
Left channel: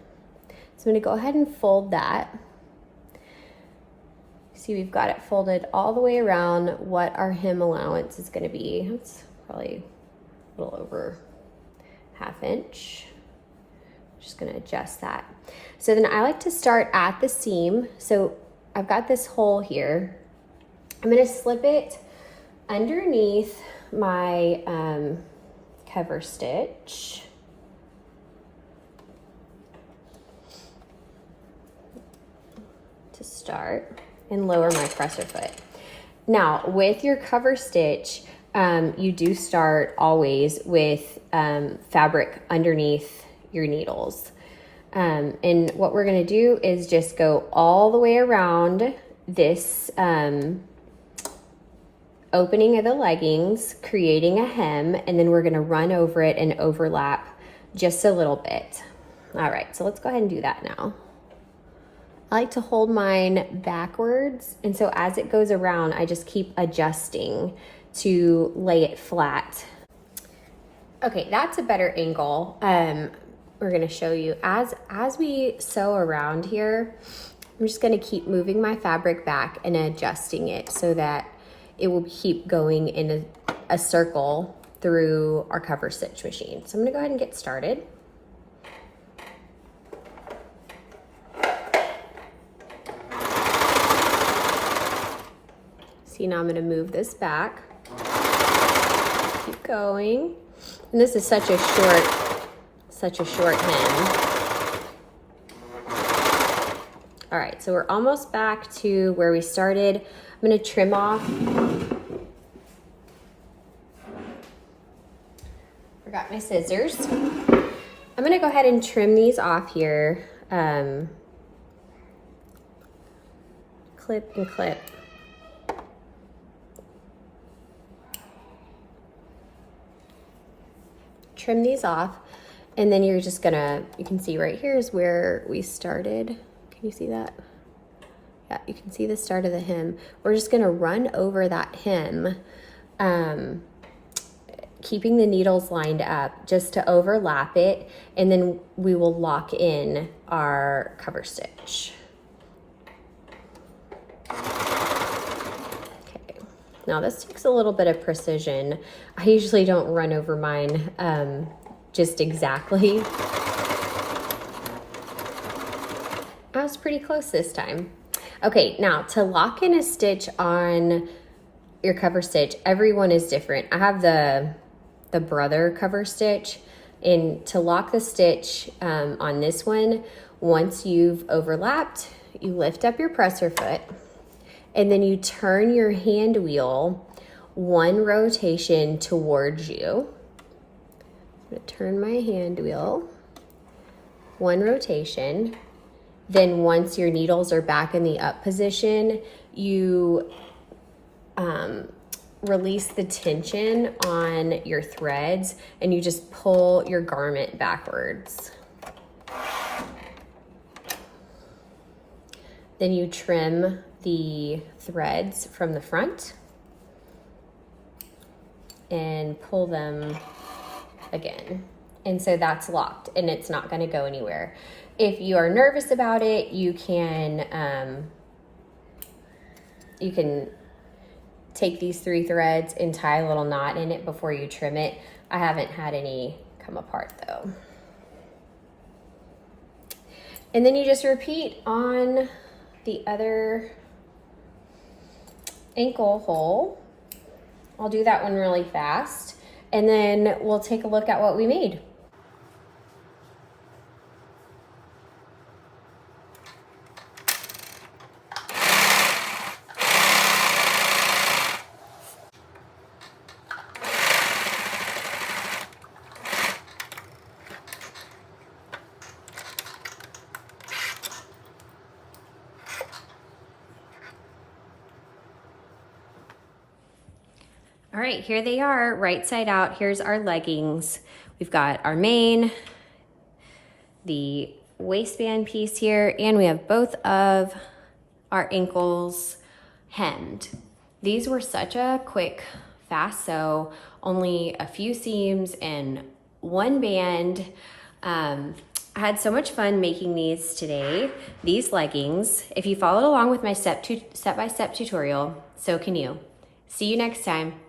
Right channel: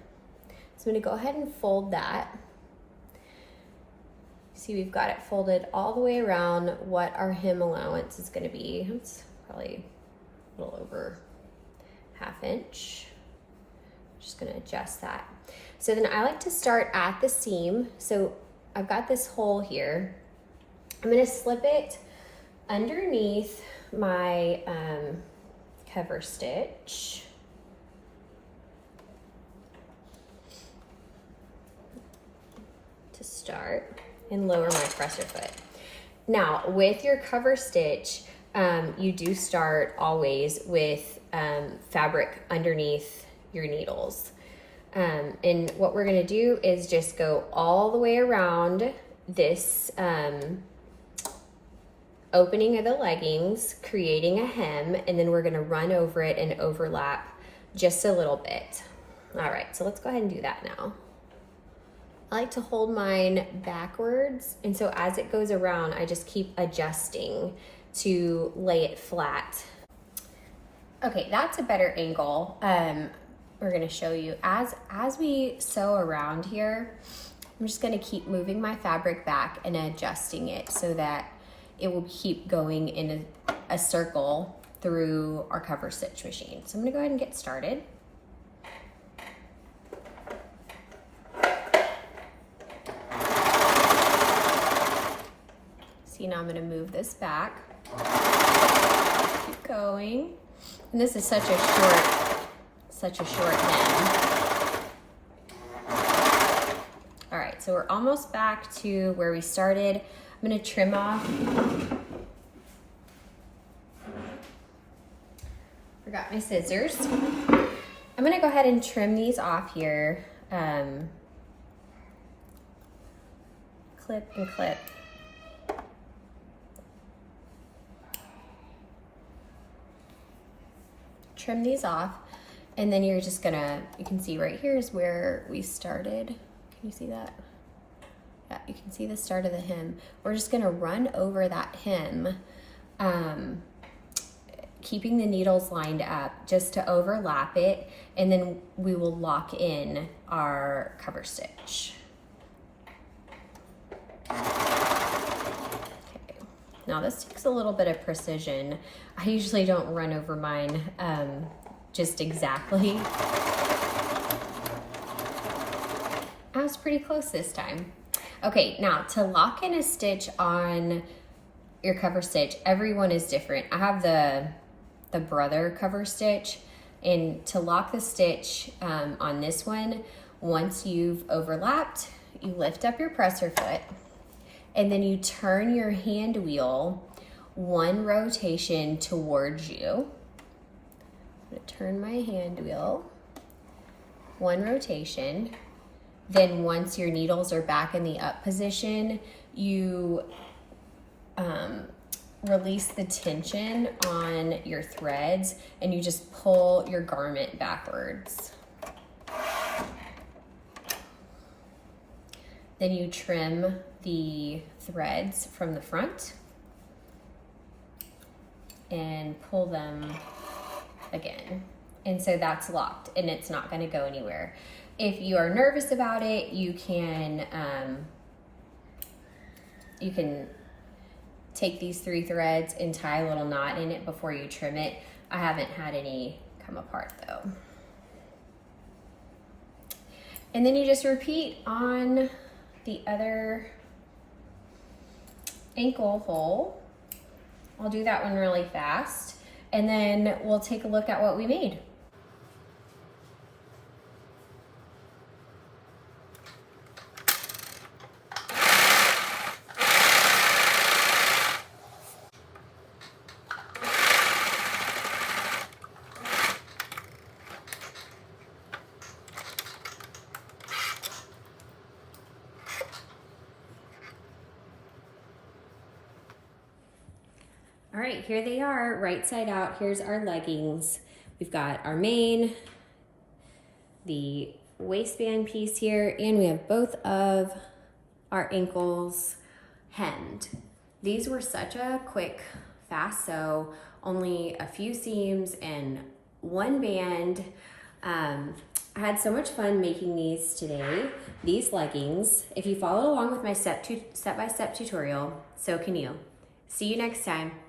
So I'm going to go ahead and fold that. See, we've got it folded all the way around what our hem allowance is going to be. It's probably a little over 1/2 inch. Just going to adjust that. So then I like to start at the seam. So I've got this hole here. I'm going to slip it underneath my cover stitch. To start, and lower my presser foot. Now with your cover stitch, you do start always with fabric underneath your needles. And what we're gonna do is just go all the way around this opening of the leggings, creating a hem, and then we're gonna run over it and overlap just a little bit. All right, so let's go ahead and do that now. I like to hold mine backwards, and so as it goes around, I just keep adjusting to lay it flat. Okay, that's a better angle. We're gonna show you. As we sew around here, I'm just gonna keep moving my fabric back and adjusting it so that it will keep going in a circle through our cover stitch machine. So I'm gonna go ahead and get started. See, now I'm gonna move this back. Keep going. And this is such a short hem. All right, so we're almost back to where we started. I'm gonna trim off. Forgot my scissors. I'm gonna go ahead and trim these off here. Clip and clip. Trim these off, and then you're just gonna, you can see right here is where we started. Can you see that? Yeah, you can see the start of the hem. We're just gonna run over that hem, keeping the needles lined up just to overlap it, and then we will lock in our cover stitch. Okay, now this takes a little bit of precision. I usually don't run over mine just exactly. I was pretty close this time. Okay, now to lock in a stitch on your cover stitch, everyone is different. I have the brother cover stitch, and to lock the stitch on this one, once you've overlapped, you lift up your presser foot, and then you turn your hand wheel one rotation towards you. I'm gonna turn my hand wheel one rotation. Then once your needles are back in the up position, you release the tension on your threads, and you just pull your garment backwards. Then you trim the threads from the front and pull them again. And so that's locked, and it's not gonna go anywhere. If you are nervous about it, you can take these 3 threads and tie a little knot in it before you trim it. I haven't had any come apart though. And then you just repeat on the other ankle hole. I'll do that one really fast, and then we'll take a look at what we made. All right, here they are, right side out. Here's our leggings. We've got our mane, the waistband piece here, and we have both of our ankles hemmed. These were such a quick, fast sew, only a few seams and 1 band. I had so much fun making these today, these leggings. If you followed along with my step-by-step tutorial, so can you. See you next time.